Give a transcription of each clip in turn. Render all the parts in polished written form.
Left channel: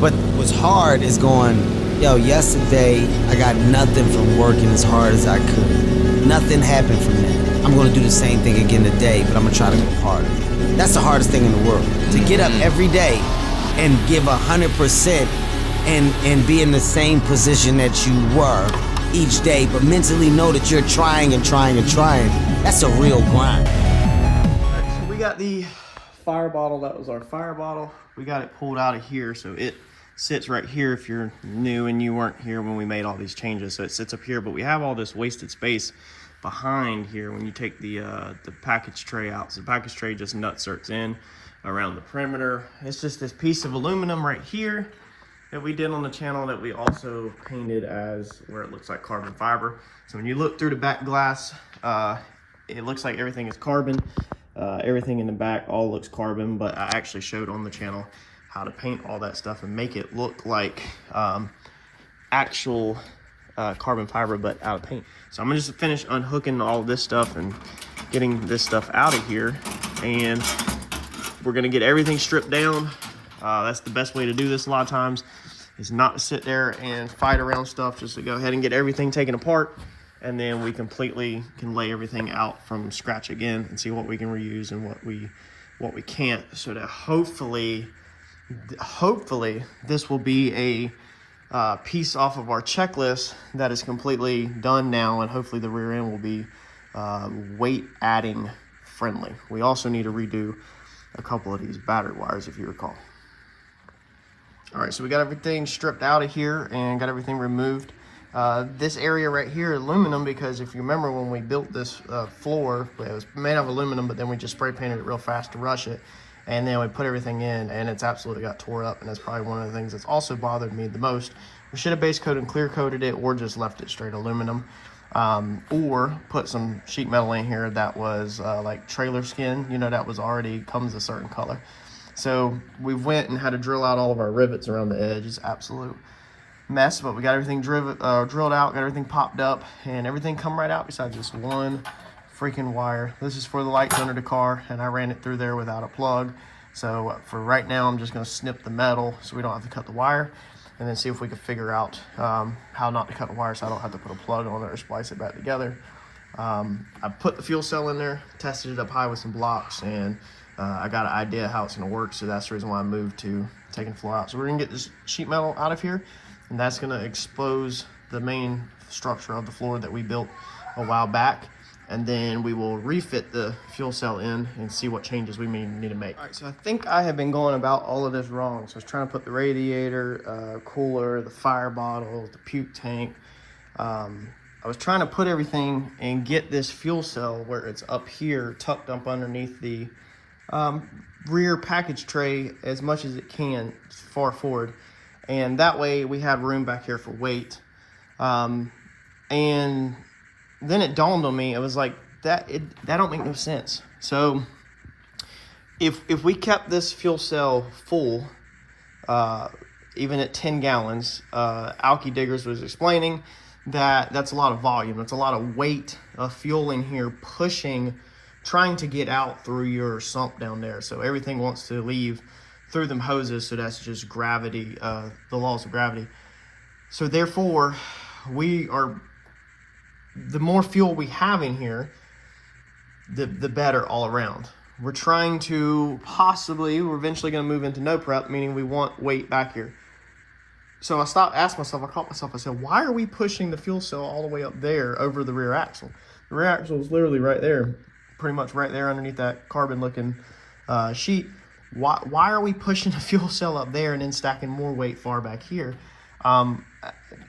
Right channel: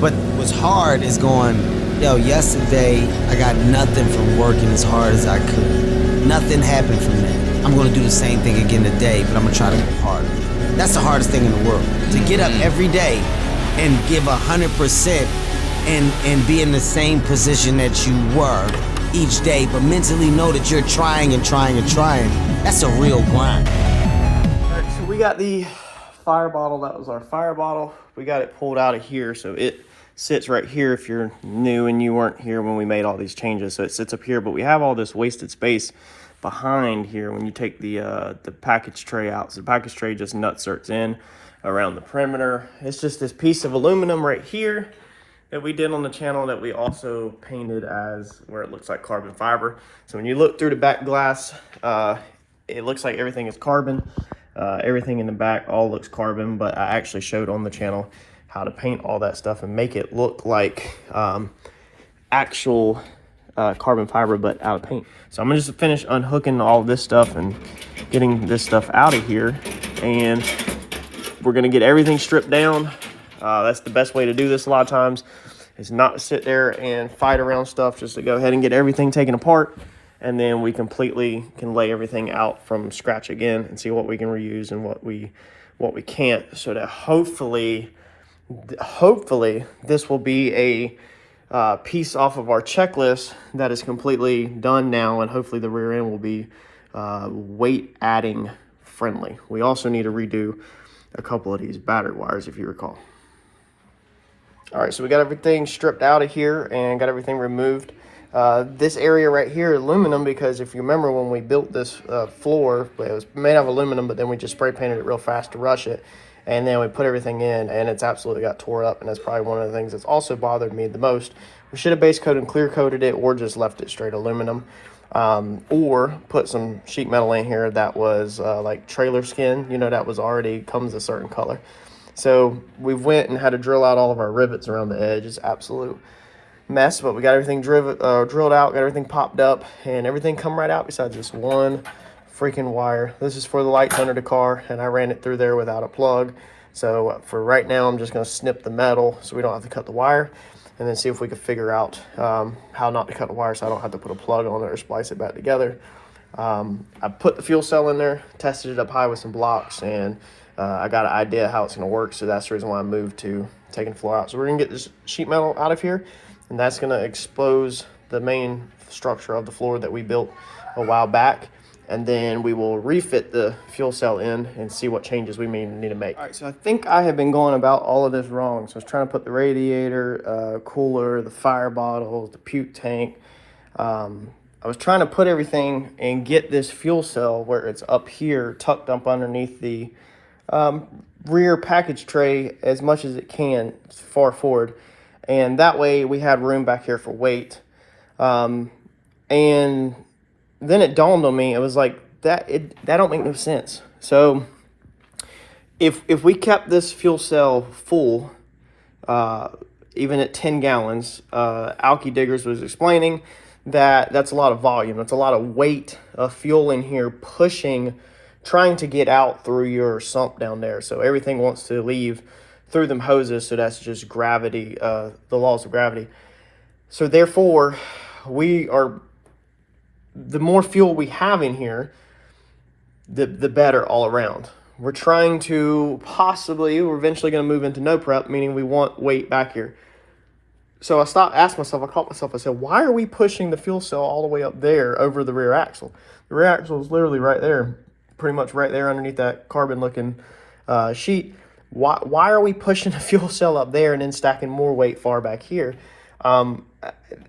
But what's hard is going, yo, yesterday I got nothing from working as hard as I could. Nothing happened from that. I'm gonna do the same thing again today, but I'm gonna try to go harder. That's the hardest thing in the world. To get up every day and give 100% and be in the same position that you were each day, but mentally know that you're trying and trying and trying. That's a real grind. All right, so we got the fire bottle. That was our fire bottle. We got it pulled out of here, so it sits right here if you're new and you weren't here when we made all these changes. So it sits up here, but we have all this wasted space behind here when you take the package tray out. So the package tray just nutserts in around the perimeter. It's just this piece of aluminum right here that we did on the channel that we also painted as where it looks like carbon fiber. So when you look through the back glass, it looks like everything is carbon. Everything in the back all looks carbon, but I actually showed on the channel how to paint all that stuff and make it look like actual carbon fiber, but out of paint. So I'm gonna just finish unhooking all this stuff and getting this stuff out of here, and we're gonna get everything stripped down. That's the best way to do this a lot of times, is not sit there and fight around stuff, just to go ahead and get everything taken apart, and then we completely can lay everything out from scratch again and see what we can reuse and what we can't, so that hopefully this will be a piece off of our checklist that is completely done now, and hopefully the rear end will be weight adding friendly. We also need to redo a couple of these battery wires, if you recall. All right, so we got everything stripped out of here and got everything removed. This area right here is aluminum, because if you remember when we built this floor, it was made out of aluminum, but then we just spray painted it real fast to rush it. And then we put everything in, and it's absolutely got tore up, and that's probably one of the things that's also bothered me the most. We should have base coated and clear coated it, or just left it straight aluminum, or put some sheet metal in here that was like trailer skin, you know, that was already comes a certain color. So we went and had to drill out all of our rivets around the edge. It's absolute mess, but we got everything drilled out, got everything popped up, and everything come right out besides this one freaking wire. This is for the lights under the car, and I ran it through there without a plug. So for right now, I'm just going to snip the metal so we don't have to cut the wire, and then see if we can figure out how not to cut the wire so I don't have to put a plug on it or splice it back together. I put the fuel cell in there, tested it up high with some blocks, and I got an idea how it's going to work, so that's the reason why I moved to taking the floor out. So we're going to get this sheet metal out of here, and that's going to expose the main structure of the floor that we built a while back. And then we will refit the fuel cell in and see what changes we may need to make. All right, so I think I have been going about all of this wrong. So I was trying to put the radiator, cooler, the fire bottle, the puke tank. I was trying to put everything and get this fuel cell where it's up here, tucked up underneath the rear package tray as much as it can, far forward. And that way we had room back here for weight. And then it dawned on me, it was like, that don't make no sense. So if we kept this fuel cell full, even at 10 gallons, Alki Diggers was explaining that that's a lot of volume. That's a lot of weight of fuel in here pushing, trying to get out through your sump down there. So everything wants to leave through them hoses. So that's just gravity, the laws of gravity. So therefore, the more fuel we have in here, the better all around. We're trying to we're eventually going to move into no prep, meaning we want weight back here. So I asked myself, I caught myself, I said, why are we pushing the fuel cell all the way up there over the rear axle? The rear axle is literally right there, pretty much right there underneath that carbon looking sheet. Why are we pushing the fuel cell up there and then stacking more weight far back here?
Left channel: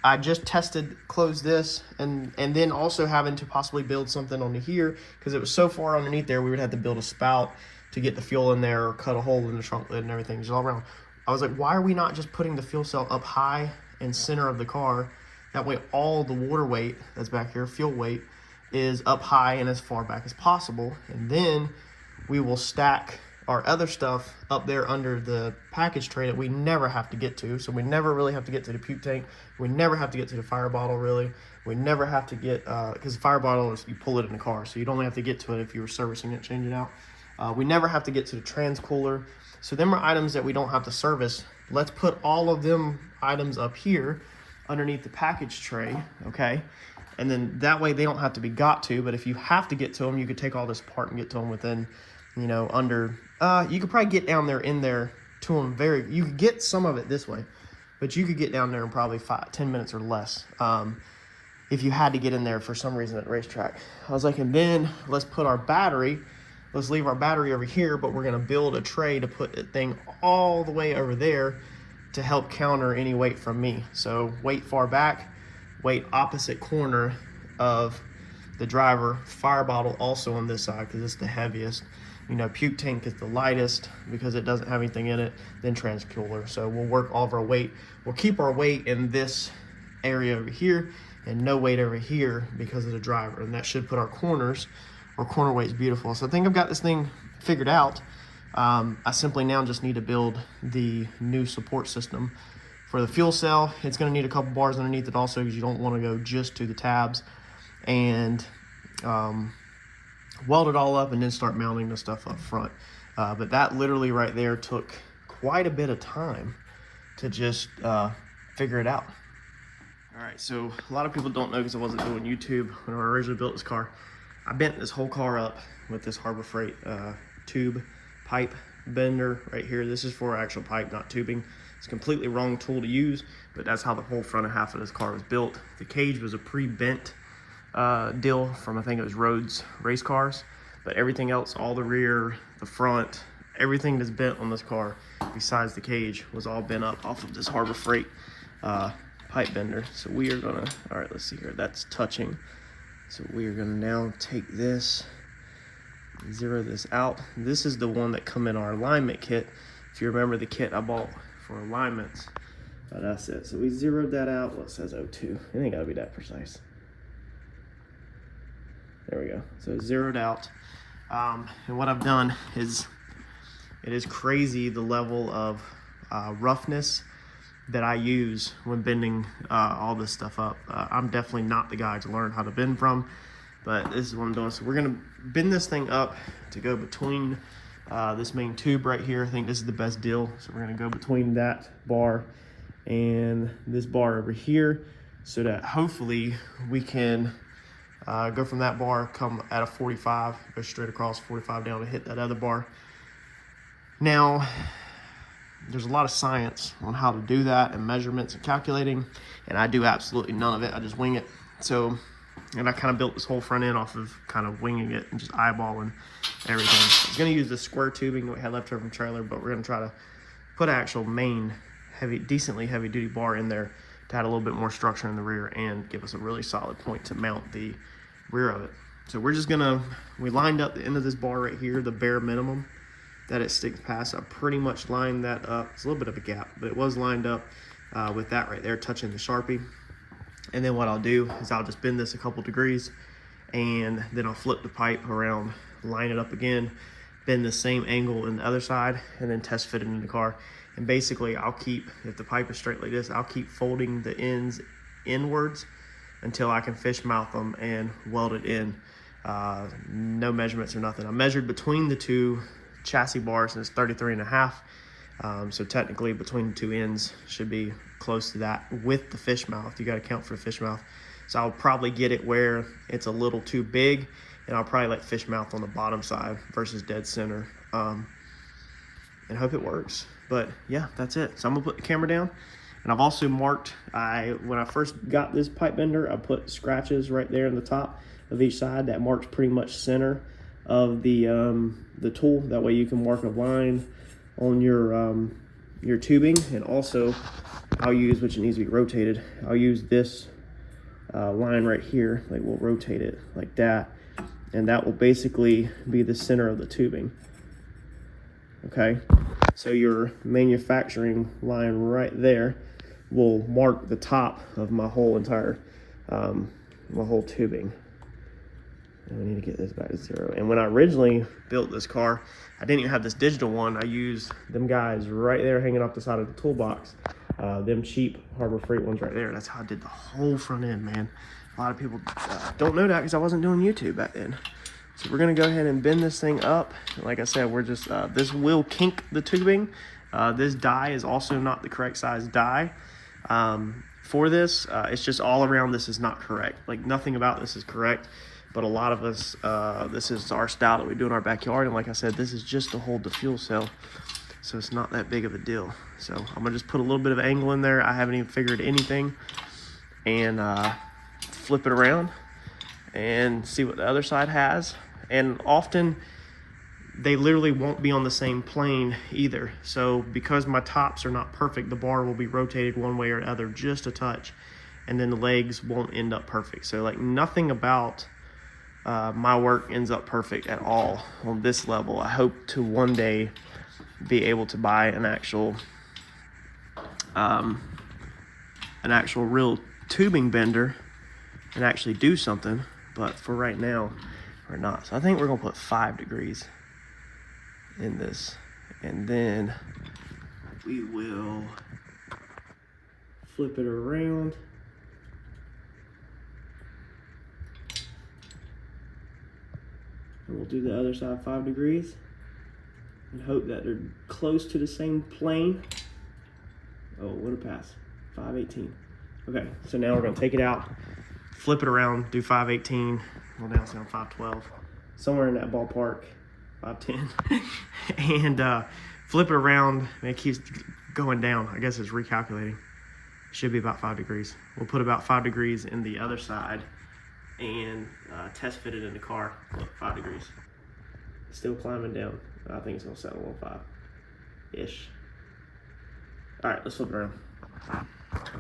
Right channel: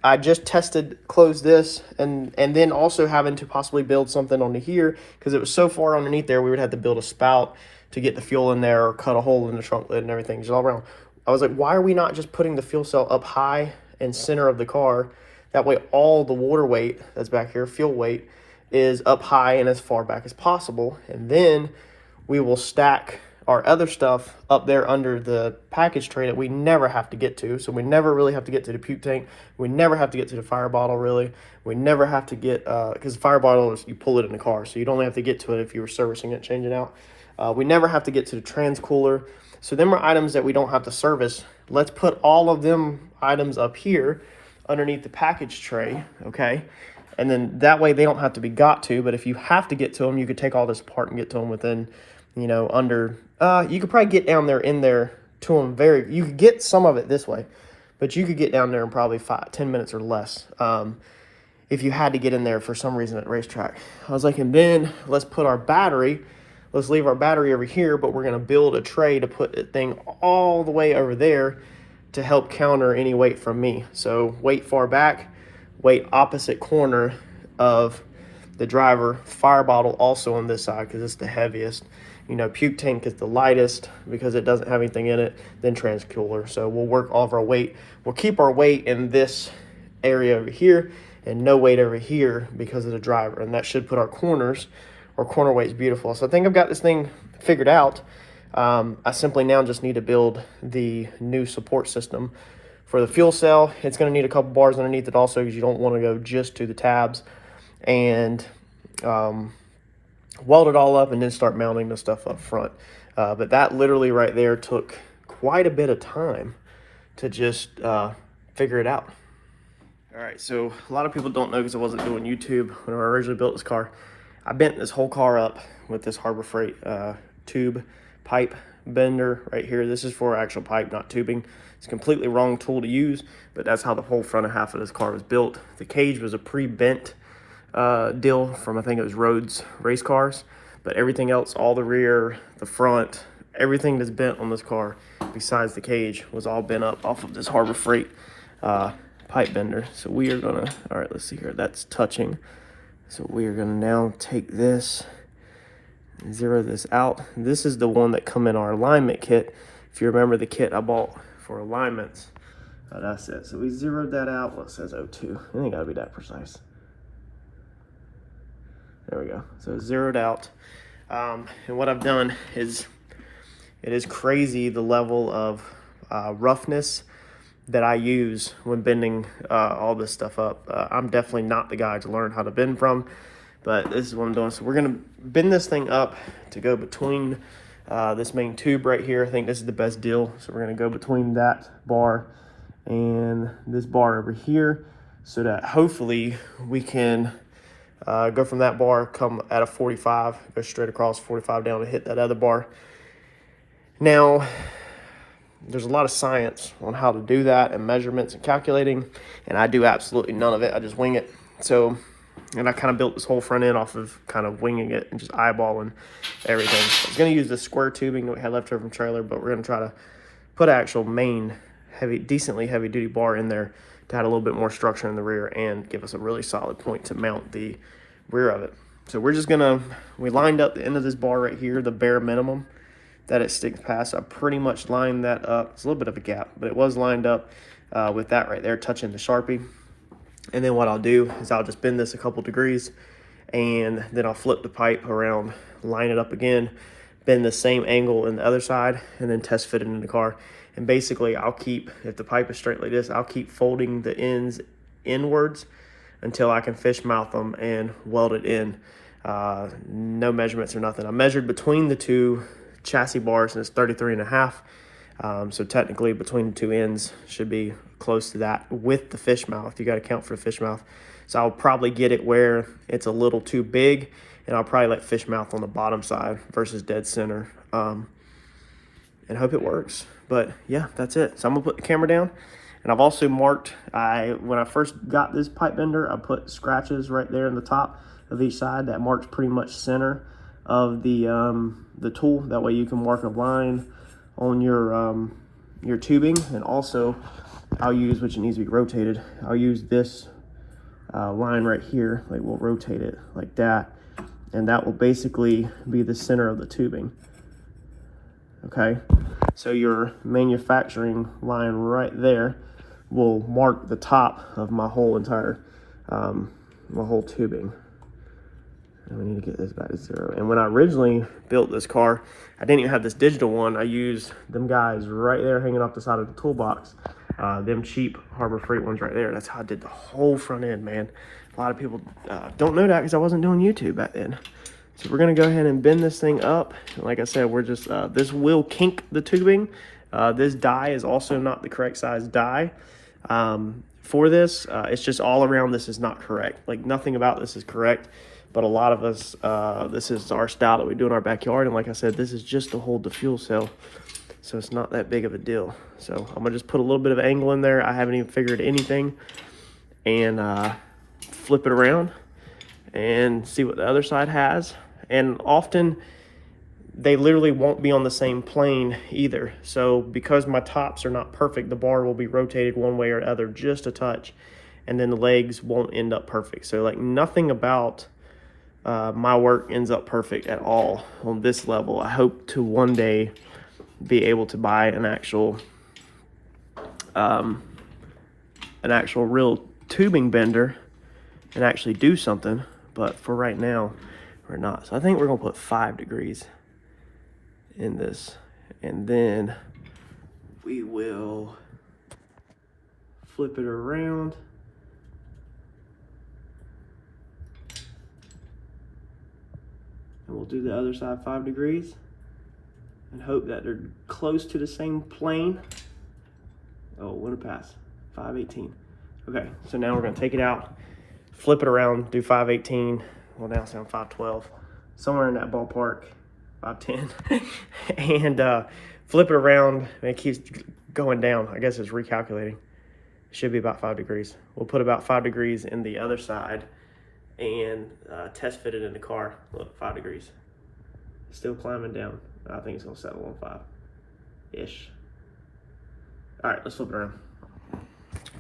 I just closed this, and then also having to possibly build something onto here, because it was so far underneath there, we would have to build a spout to get the fuel in there, or cut a hole in the trunk lid and everything, just all around. I was like, why are we not just putting the fuel cell up high and center of the car? That way all the water weight that's back here, fuel weight, is up high and as far back as possible, and then we will stack our other stuff up there under the package tray that we never have to get to. So we never really have to get to the puke tank. We never have to get to the fire bottle, really. We never have to get, because the fire bottle is, you pull it in the car, so you'd only have to get to it if you were servicing it, changing it out. We never have to get to the trans cooler. So them are items that we don't have to service let's put all of them items up here underneath the package tray, okay? And then that way they don't have to be got to, but if you have to get to them, you could take all this apart and get to them within, you know, under, you could probably get down there in there to them you could get some of it this way, but you could get down there in probably 10 minutes or less. If you had to get in there for some reason at racetrack. I was like, and then let's put our battery, let's leave our battery over here, but we're gonna build a tray to put the thing all the way over there to help counter any weight from me. So weight far back, weight opposite corner of the driver, fire bottle also on this side because it's the heaviest. You know, puke tank is the lightest because it doesn't have anything in it, then trans-cooler. So we'll work all of our weight. We'll keep our weight in this area over here and no weight over here because of the driver. And that should put our corners, our corner weight's beautiful. So I think I've got this thing figured out. I simply now just need to build the new support system for the fuel cell. It's going to need a couple bars underneath it also because you don't want to go just to the tabs, and weld it all up and then start mounting the stuff up front. But that literally right there took quite a bit of time to just figure it out. All right, so a lot of people don't know because I wasn't doing YouTube when I originally built this car. I bent this whole car up with this Harbor Freight tube pipe bender right here. This is for actual pipe, not tubing. It's a completely wrong tool to use, but that's how the whole front half of this car was built. The cage was a pre-bent deal from, I think it was Rhodes race cars, but everything else, all the rear, the front, everything that's bent on this car besides the cage was all bent up off of this Harbor Freight pipe bender. So we are gonna, all right, let's see here, that's touching. So we are gonna now take this, zero this out. This is the one that come in our alignment kit. If you remember the kit I bought for alignments, that's it. So we zeroed that out. Well, it says 02. It ain't gotta be that precise. There we go. So zeroed out. And what I've done is, it is crazy the level of roughness that I use when bending all this stuff up. I'm definitely not the guy to learn how to bend from, but this is what I'm doing. So we're gonna bend this thing up to go between this main tube right here. I think this is the best deal. So we're gonna go between that bar and this bar over here so that hopefully we can go from that bar, come at a 45, go straight across 45 down and hit that other bar. Now, there's a lot of science on how to do that and measurements and calculating, and I do absolutely none of it. I just wing it. So, and I kind of built this whole front end off of kind of winging it and just eyeballing everything. So I'm going to use the square tubing that we had left over from trailer, but we're going to try to put an actual main heavy, decently heavy duty bar in there to add a little bit more structure in the rear and give us a really solid point to mount the rear of it. So we're just gonna, we lined up the end of this bar right here, the bare minimum that it sticks past. I pretty much lined that up. It's a little bit of a gap, but it was lined up with that right there touching the Sharpie. And then what I'll do is I'll just bend this a couple degrees, and then I'll flip the pipe around, line it up again, bend the same angle in the other side, and then test fit it in the car. And basically I'll keep, if the pipe is straight like this, I'll keep folding the ends inwards until I can fish mouth them and weld it in. No measurements or nothing. I measured between the two chassis bars and it's 33.5. So technically between the two ends should be close to that with the fish mouth. You got to count for the fish mouth. So I'll probably get it where it's a little too big, and I'll probably let fish mouth on the bottom side versus dead center, and hope it works. But yeah, that's it. So I'm gonna put the camera down. And I've also marked, when I first got this pipe bender, I put scratches right there in the top of each side that marks pretty much center of the tool. That way you can mark a line on your tubing. And also I'll use, which it needs to be rotated, I'll use this line right here, like we'll rotate it like that. And that will basically be the center of the tubing. Okay, so your manufacturing line right there will mark the top of my whole entire, my whole tubing. And we need to get this back to 0. And when I originally built this car, I didn't even have this digital one. I used them guys right there hanging off the side of the toolbox. Them cheap Harbor Freight ones right there. That's how I did the whole front end, man. A lot of people don't know that because I wasn't doing YouTube back then. So we're gonna go ahead and bend this thing up. Like I said, we're just, this will kink the tubing This die is also not the correct size die for this. It's just all around this is not correct. Like nothing about this is correct, but a lot of us, this is our style that we do in our backyard. And like I said, this is just to hold the fuel cell. So it's not that big of a deal. So I'm gonna just put a little bit of angle in there. I haven't even figured anything, and flip it around and see what the other side has. And often they literally won't be on the same plane either. So because my tops are not perfect, the bar will be rotated one way or other just a touch, and then the legs won't end up perfect. So like nothing about my work ends up perfect at all on this level. I hope to one day be able to buy an actual real tubing bender and actually do something, but for right now we're not. So I think we're gonna put 5 degrees in this, and then we will flip it around. And we'll do the other side 5 degrees and hope that they're close to the same plane. Oh, what a pass. 518. Okay, so now we're gonna take it out, flip it around, do 518. Well, now it's on 512. Somewhere in that ballpark, 510. And flip it around, and it keeps going down. I guess it's recalculating. Should be about 5 degrees. We'll put about 5 degrees in the other side and test fit it in the car. Look, 5 degrees. Still climbing down. I think it's gonna settle on 5-ish. All right, let's flip it around.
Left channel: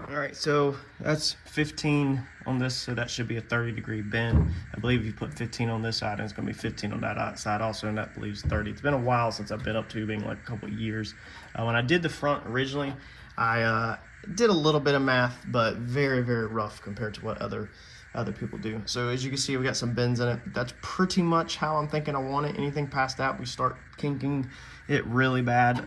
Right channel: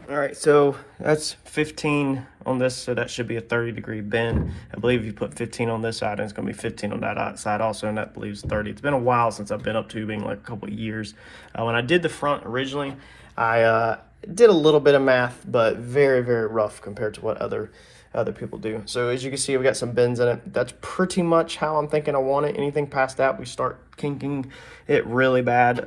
All right, so that's 15 on this, so that should be a 30-degree bend. I believe you put 15 on this side, and it's gonna be 15 on that side also, and that believes 30. It's been a while since I've been up tubing, like a couple of years. When I did the front originally, I did a little bit of math, but very, very rough compared to what other people do. So as you can see, we got some bends in it. That's pretty much how I'm thinking I want it. Anything past that, we start kinking it really bad.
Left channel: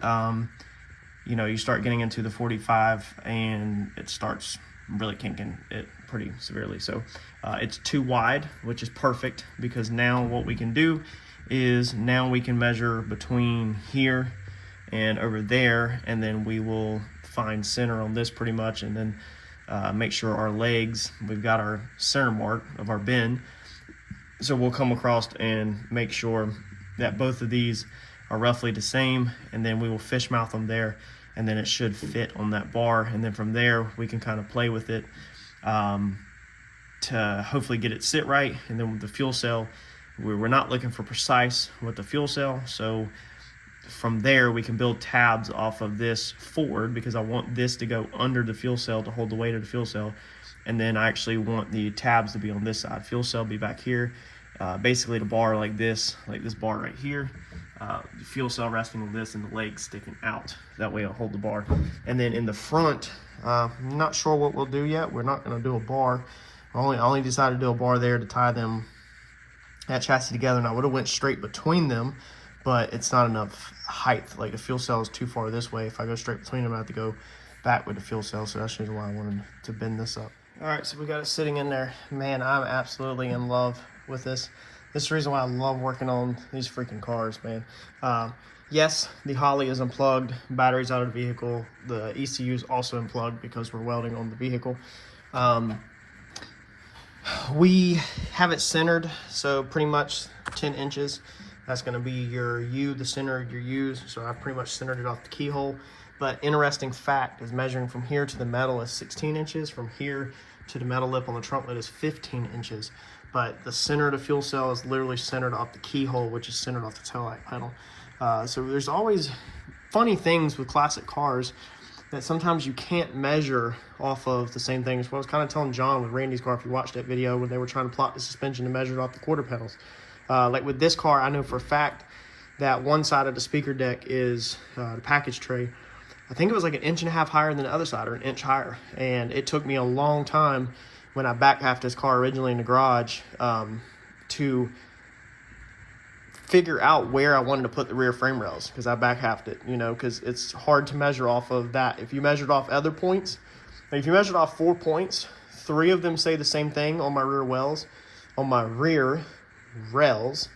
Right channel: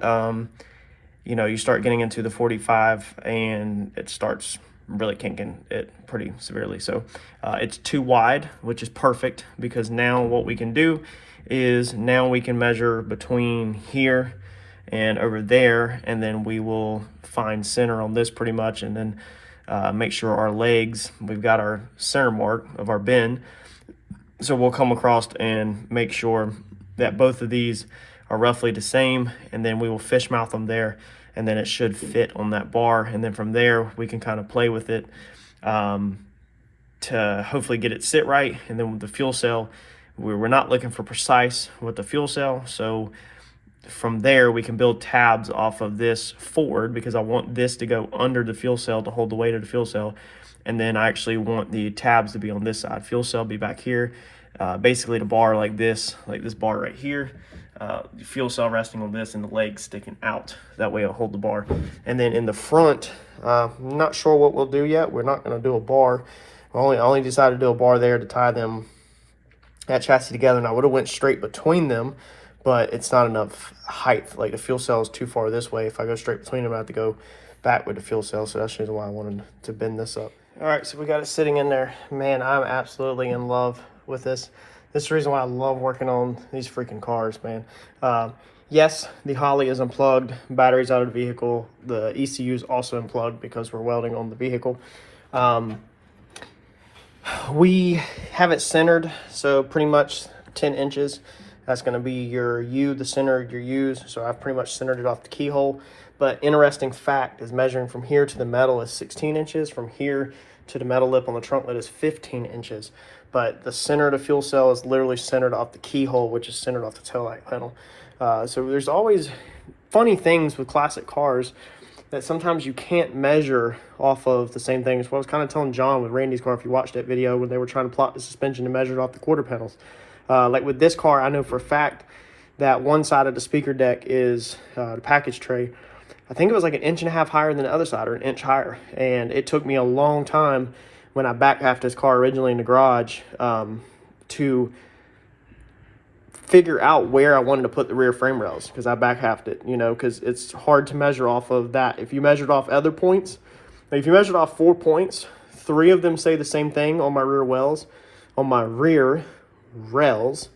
You know, you start getting into the 45 and it starts really kinking it pretty severely. So it's too wide, which is perfect, because now what we can do is now we can measure between here and over there, and then we will find center on this pretty much, and then make sure our legs, we've got our center mark of our bend. So we'll come across and make sure that both of these are roughly the same, and then we will fish mouth them there, and then it should fit on that bar. And then from there we can kind of play with it to hopefully get it sit right. And then with the fuel cell, we're not looking for precise with the fuel cell, so from there we can build tabs off of this forward, because I want this to go under the fuel cell to hold the weight of the fuel cell, and then I actually want the tabs to be on this side. Fuel cell be back here, basically the bar like this bar right here, the fuel cell resting on this, and the legs sticking out. That way it'll hold the bar. And then in the front, I'm not sure what we'll do yet. We're not going to do a bar. I only decided to do a bar there to tie them, that chassis together, and I would have went straight between them, but it's not enough height. Like the fuel cell is too far this way. If I go straight between them, I have to go back with the fuel cell. So that's the reason why I wanted to bend this up. All right, so we got it sitting in there. Man, I'm absolutely in love with this. This is the reason why I love working on these freaking cars, man. Yes, the Holly is unplugged, batteries out of the vehicle. The ECU is also unplugged because we're welding on the vehicle. We have it centered, so pretty much 10 inches. That's going to be your U, the center of your U's. So I've pretty much centered it off the keyhole. But interesting fact is measuring from here to the metal is 16 inches. From here to the metal lip on the trunk lid is 15 inches. But the center of the fuel cell is literally centered off the keyhole, which is centered off the taillight pedal. So there's always funny things with classic cars that sometimes you can't measure off of the same thing. It's what I was kind of telling John with Randy's car, if you watched that video, when they were trying to plot the suspension and measure it off the quarter panels. Like with this car, I know for a fact that one side of the speaker deck is the package tray. I think it was like 1.5 inches higher than the other side, or 1 inch higher. And it took me a long time when I back halfed this car originally in the garage to figure out where I wanted to put the rear frame rails, because I back halved it, you know, because it's hard to measure off of that. If you measured off other points, like if you measured off 4 points, 3 of them say the same thing on my rear wells, on my rear rails,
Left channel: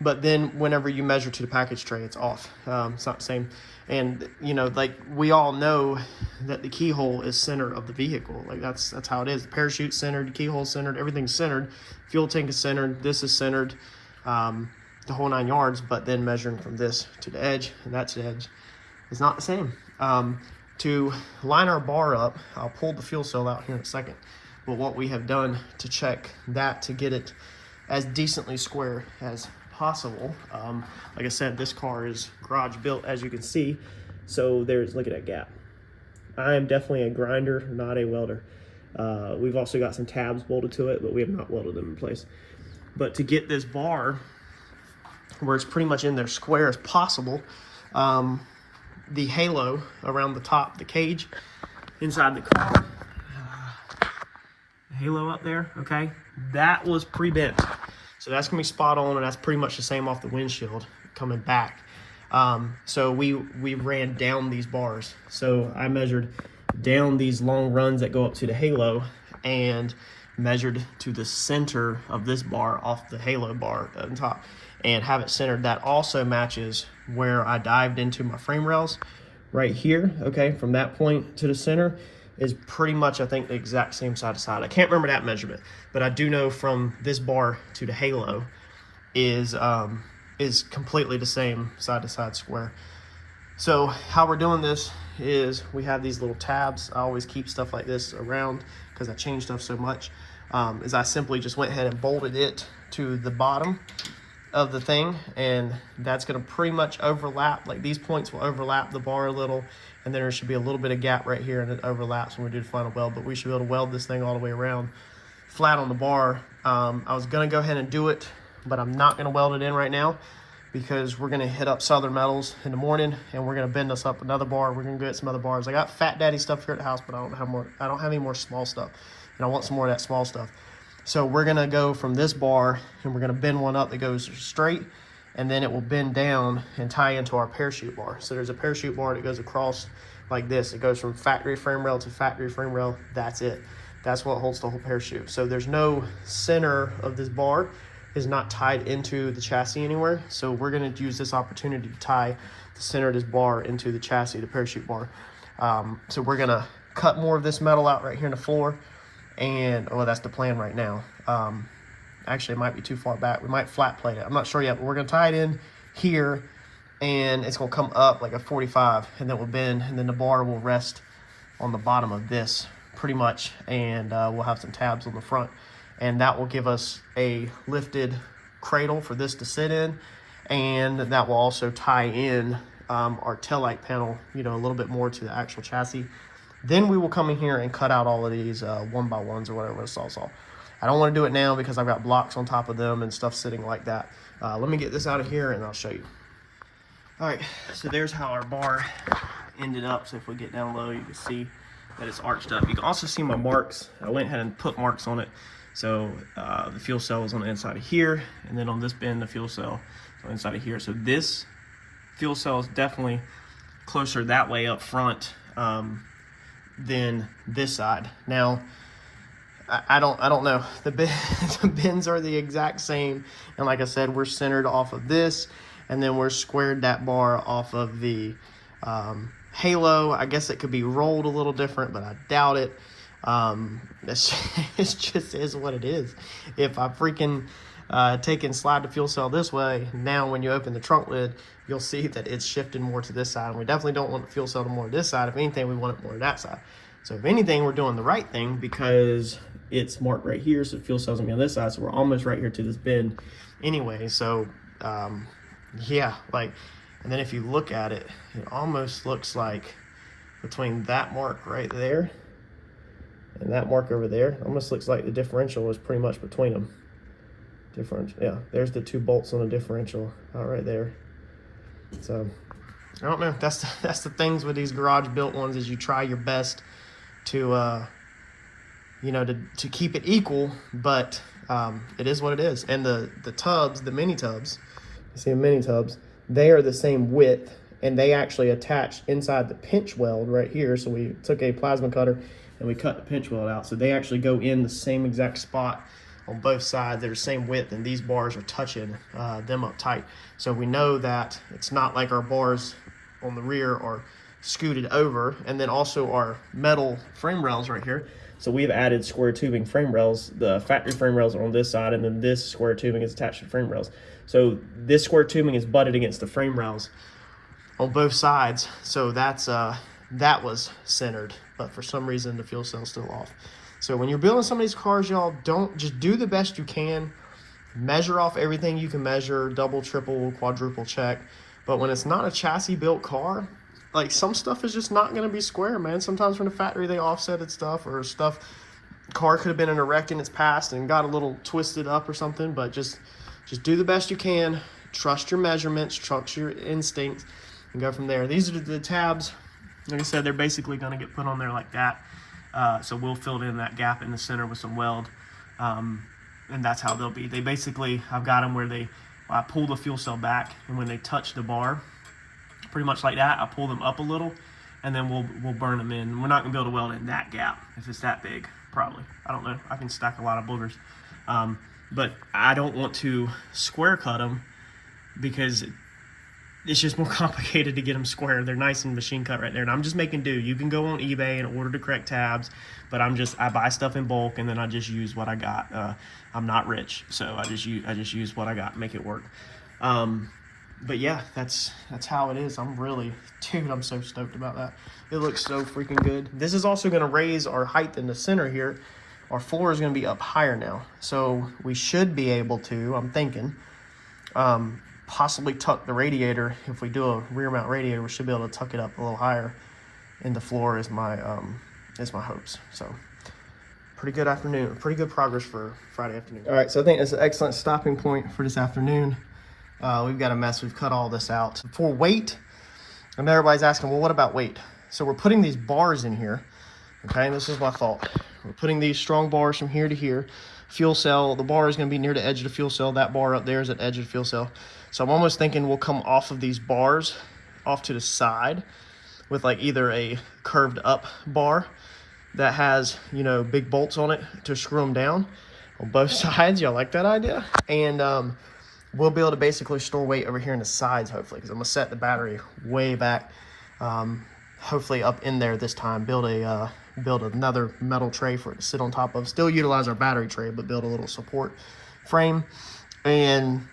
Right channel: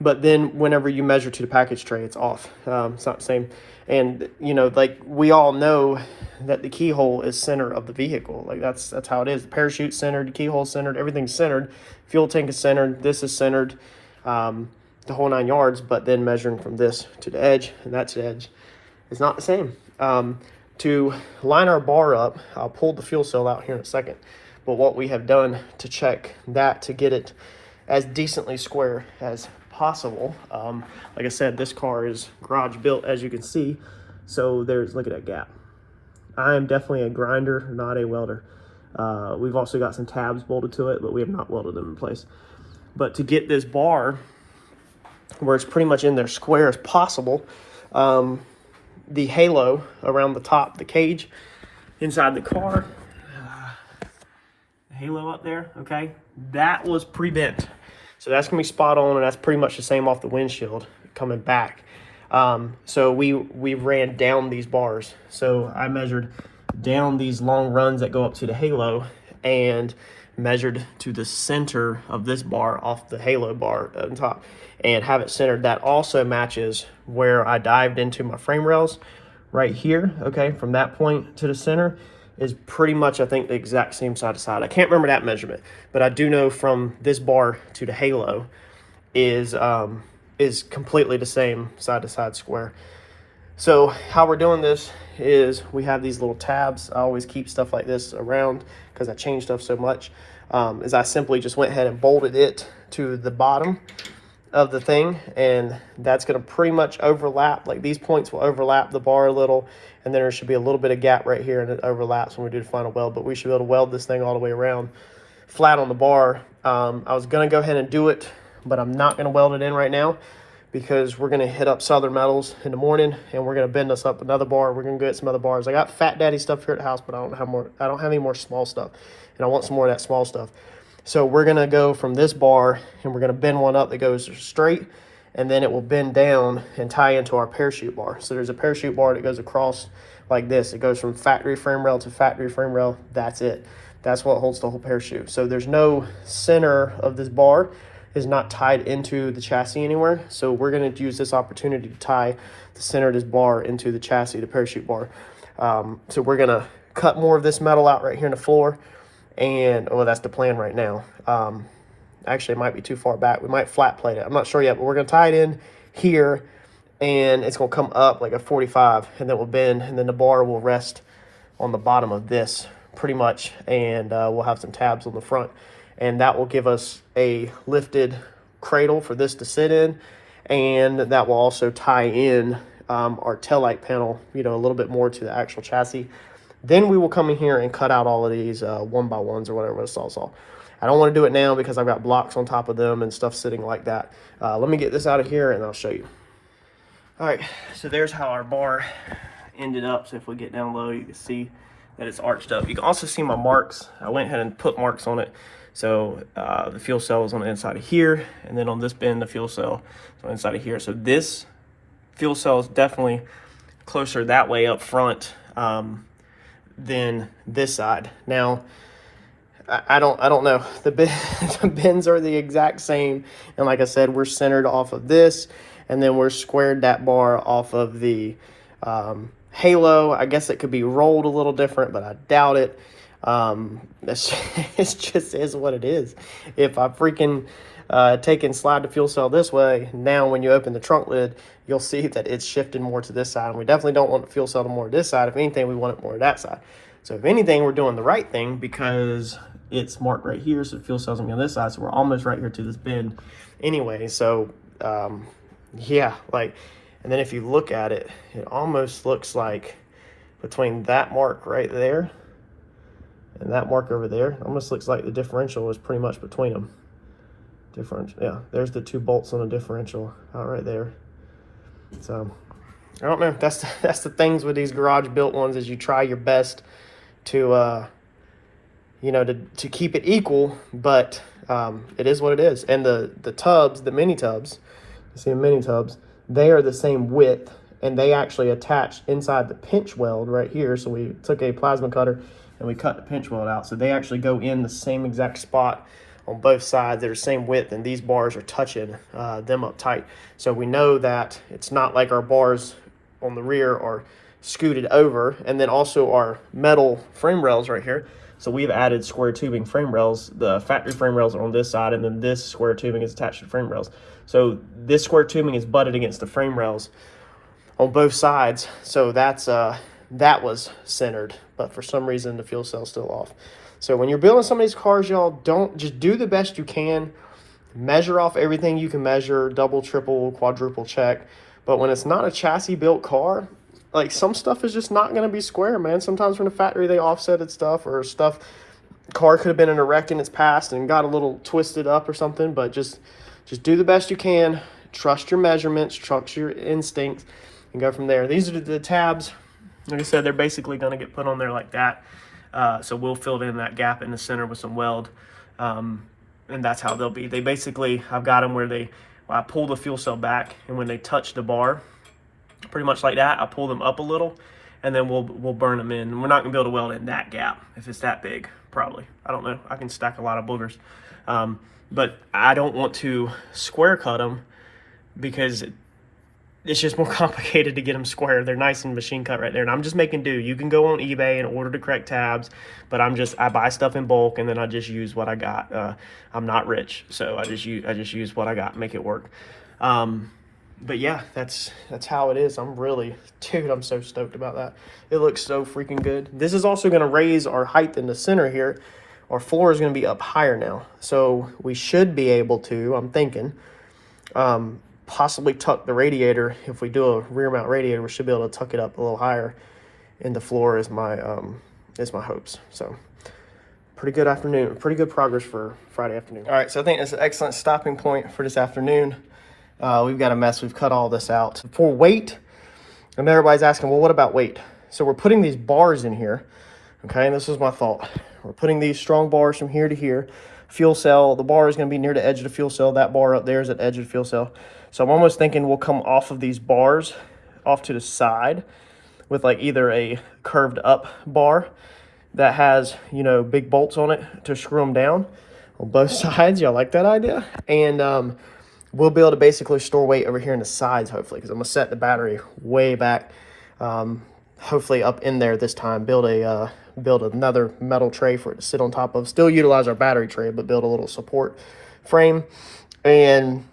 but then whenever you measure to the package tray, it's off. It's not the same. And, you know, like we all know that the keyhole is center of the vehicle. Like that's how it is. The parachute's centered, the keyhole's centered, everything's centered. Fuel tank is centered, this is centered, the whole 9 yards, but then measuring from this to the edge, and that's the edge, is not the same. To line our bar up, I'll pull the fuel cell out here in a second, but what we have done to check that to get it as decently square as possible, like I said, this car is garage built, as you can see, so look at that gap. I am definitely a grinder, not a welder. We've also got some tabs bolted to it, but we have not welded them in place. But to get this bar where it's pretty much in there square as possible, the halo around the top, the cage inside the car, the halo up there, okay, that was pre-bent. So that's gonna be spot on, and that's pretty much the same off the windshield coming back. So we ran down these bars. So I measured down these long runs that go up to the halo and measured to the center of this bar off the halo bar on top and have it centered. That also matches where I dived into my frame rails right here, okay, from that point to the center is pretty much, I think, the exact same side to side. I can't remember that measurement, but I do know from this bar to the halo is completely the same side to side square. So how we're doing this is we have these little tabs. I always keep stuff like this around because I change stuff so much. Is I simply just went ahead and bolted it to the bottom of the thing, and that's going to pretty much overlap. Like these points will overlap the bar a little, and then there should be a little bit of gap right here, and it overlaps when we do the final weld. But we should be able to weld this thing all the way around flat on the bar. I was going to go ahead and do it, but I'm not going to weld it in right now because we're going to hit up Southern Metals in the morning, and we're going to bend us up another bar. We're going to get some other bars. I got Fat Daddy stuff here at the house, but I don't have any more small stuff, and I want some more of that small stuff. So we're going to go from this bar, and we're going to bend one up that goes straight, and then it will bend down and tie into our parachute bar. So there's a parachute bar that goes across like this. It goes from factory frame rail to factory frame rail. That's it. That's what holds the whole parachute. So there's no center of this bar is not tied into the chassis anywhere. So we're going to use this opportunity to tie the center of this bar into the chassis, the parachute bar. So we're going to cut more of this metal out right here in the floor. And that's the plan right now. Actually, it might be too far back. We might flat plate it. I'm not sure yet, but we're going to tie it in here, and it's going to come up like a 45, and then we'll bend, and then the bar will rest on the bottom of this pretty much, and we'll have some tabs on the front, and that will give us a lifted cradle for this to sit in, and that will also tie in our taillight panel, you know, a little bit more to the actual chassis. Then we will come in here and cut out all of these 1x1s or whatever it's all. I don't want to do it now because I've got blocks on top of them and stuff sitting like that. Let me get this out of here and I'll show you. All right, so there's how our bar ended up. So if we get down low, you can see that it's arched up. You can also see my marks. I went ahead and put marks on it. So the fuel cell is on the inside of here, and then on this bend, the fuel cell is on the inside of here. So this fuel cell is definitely closer that way up front than this side. Now, I don't know. The bends are the exact same, and like I said, we're centered off of this, and then we're squared that bar off of the halo. I guess it could be rolled a little different, but I doubt it. It just is what it is. If I freaking take and slide the fuel cell this way, now when you open the trunk lid, you'll see that it's shifting more to this side. And we definitely don't want the fuel cell to more to this side. If anything, we want it more to that side. So if anything, we're doing the right thing because it's marked right here, so the fuel cell's gonna be on this side, so we're almost right here to this bend anyway. So yeah, like, and then if you look at it, it almost looks like between that mark right there and that mark over there, almost looks like the differential is pretty much between them. Differential, yeah, there's the two bolts on the differential out right there. So I don't know, that's the things with these garage built ones, is you try your best to you know, to keep it equal, but it is what it is. And the tubs, the mini tubs, you see the mini tubs, they are the same width, and they actually attach inside the pinch weld right here. So we took a plasma cutter and we cut the pinch weld out, so they actually go in the same exact spot on both sides. They're the same width, and these bars are touching them up tight. So we know that it's not like our bars on the rear are scooted over, and then also our metal frame rails right here. So we've added square tubing frame rails. The factory frame rails are on this side, and then this square tubing is attached to frame rails. So this square tubing is butted against the frame rails on both sides. So that's that was centered, but for some reason the fuel cell's still off. So when you're building some of these cars, y'all, don't just do the best you can. Measure off everything you can measure, double, triple, quadruple check. But when it's not a chassis built car, like some stuff is just not gonna be square, man. Sometimes from the factory they offsetted stuff, or stuff, car could have been in a wreck in its past and got a little twisted up or something. But just do the best you can. Trust your measurements, trust your instincts, and go from there. These are the tabs. Like I said, they're basically gonna get put on there like that. So we'll fill in that gap in the center with some weld. And that's how they'll be. They basically, I've got them where I pull the fuel cell back, and when they touch the bar, pretty much like that, I pull them up a little, and then we'll burn them in. We're not gonna be able to weld in that gap if it's that big, probably. I don't know. I can stack a lot of boogers, but I don't want to square cut them because it's just more complicated to get them square. They're nice and machine cut right there, and I'm just making do. You can go on eBay and order the correct tabs, but I buy stuff in bulk, and then I just use what I got. I'm not rich, so I just use what I got, make it work. But yeah, that's how it is. Dude, I'm so stoked about that. It looks so freaking good. This is also gonna raise our height in the center here. Our floor is gonna be up higher now, so we should be able to, I'm thinking, possibly tuck the radiator. If we do a rear mount radiator, we should be able to tuck it up a little higher in the floor is my hopes. So pretty good afternoon, pretty good progress for Friday afternoon. All right, so I think it's an excellent stopping point for this afternoon. We've got a mess. We've cut all this out. For weight, and everybody's asking, well, what about weight? So we're putting these bars in here, okay? And this is my thought. We're putting these strong bars from here to here. Fuel cell, the bar is gonna be near the edge of the fuel cell. That bar up there is at the edge of the fuel cell. So I'm almost thinking we'll come off of these bars, off to the side, with like either a curved up bar that has, big bolts on it to screw them down on both sides. Y'all like that idea? And we'll be able to basically store weight over here in the sides, hopefully, because I'm gonna set the battery way back, hopefully up in there this time. Build another metal tray for it to sit on top of. Still utilize our battery tray, but build a little support frame. And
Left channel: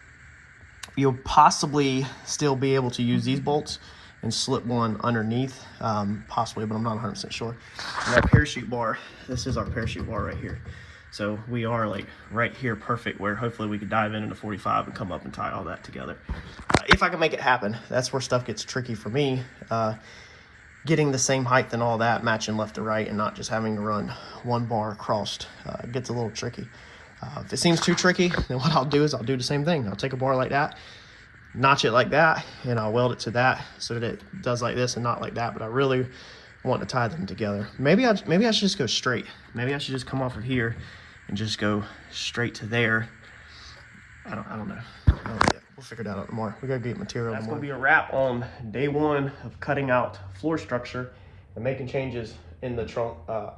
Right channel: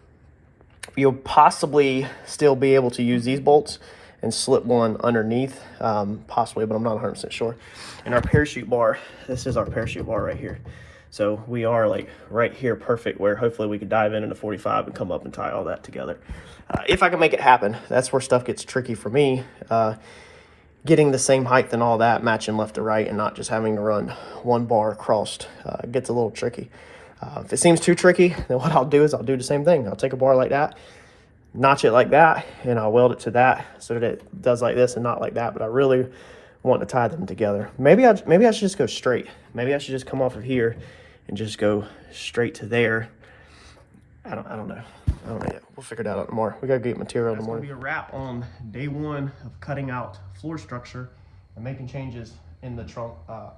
you'll possibly still be able to use these bolts and slip one underneath, possibly, but I'm not 100% sure. And our parachute bar, this is our parachute bar right here. So we are like right here, perfect, where hopefully we could dive in the 45 and come up and tie all that together. If I can make it happen. That's where stuff gets tricky for me. Getting the same height and all that, matching left to right, and not just having to run one bar across, gets a little tricky. If it seems too tricky, then what I'll do is I'll do the same thing. I'll take a bar like that, notch it like that, and I'll weld it to that so that it does like this and not like that. But I really want to tie them together. Maybe I should just go straight. Maybe I should just come off of here and just go straight to there. I don't know. We'll figure that out tomorrow. We gotta get material tomorrow. That's gonna be a wrap on day one of cutting out floor structure and making changes in the trunk.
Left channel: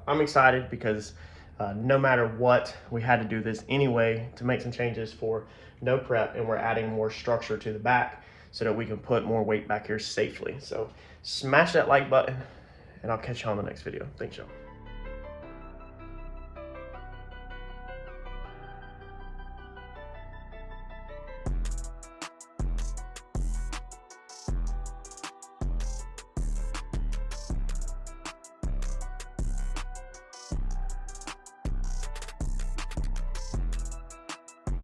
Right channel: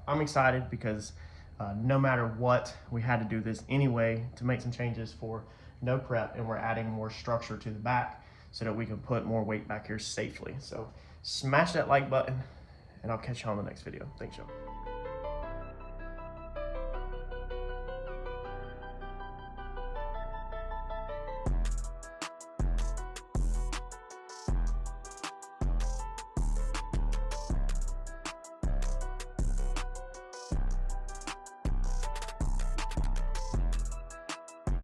I'm excited because no matter what, we had to do this anyway to make some changes for no prep, and we're adding more structure to the back so that we can put more weight back here safely. So smash that like button, and I'll catch you on the next video. Thanks, y'all.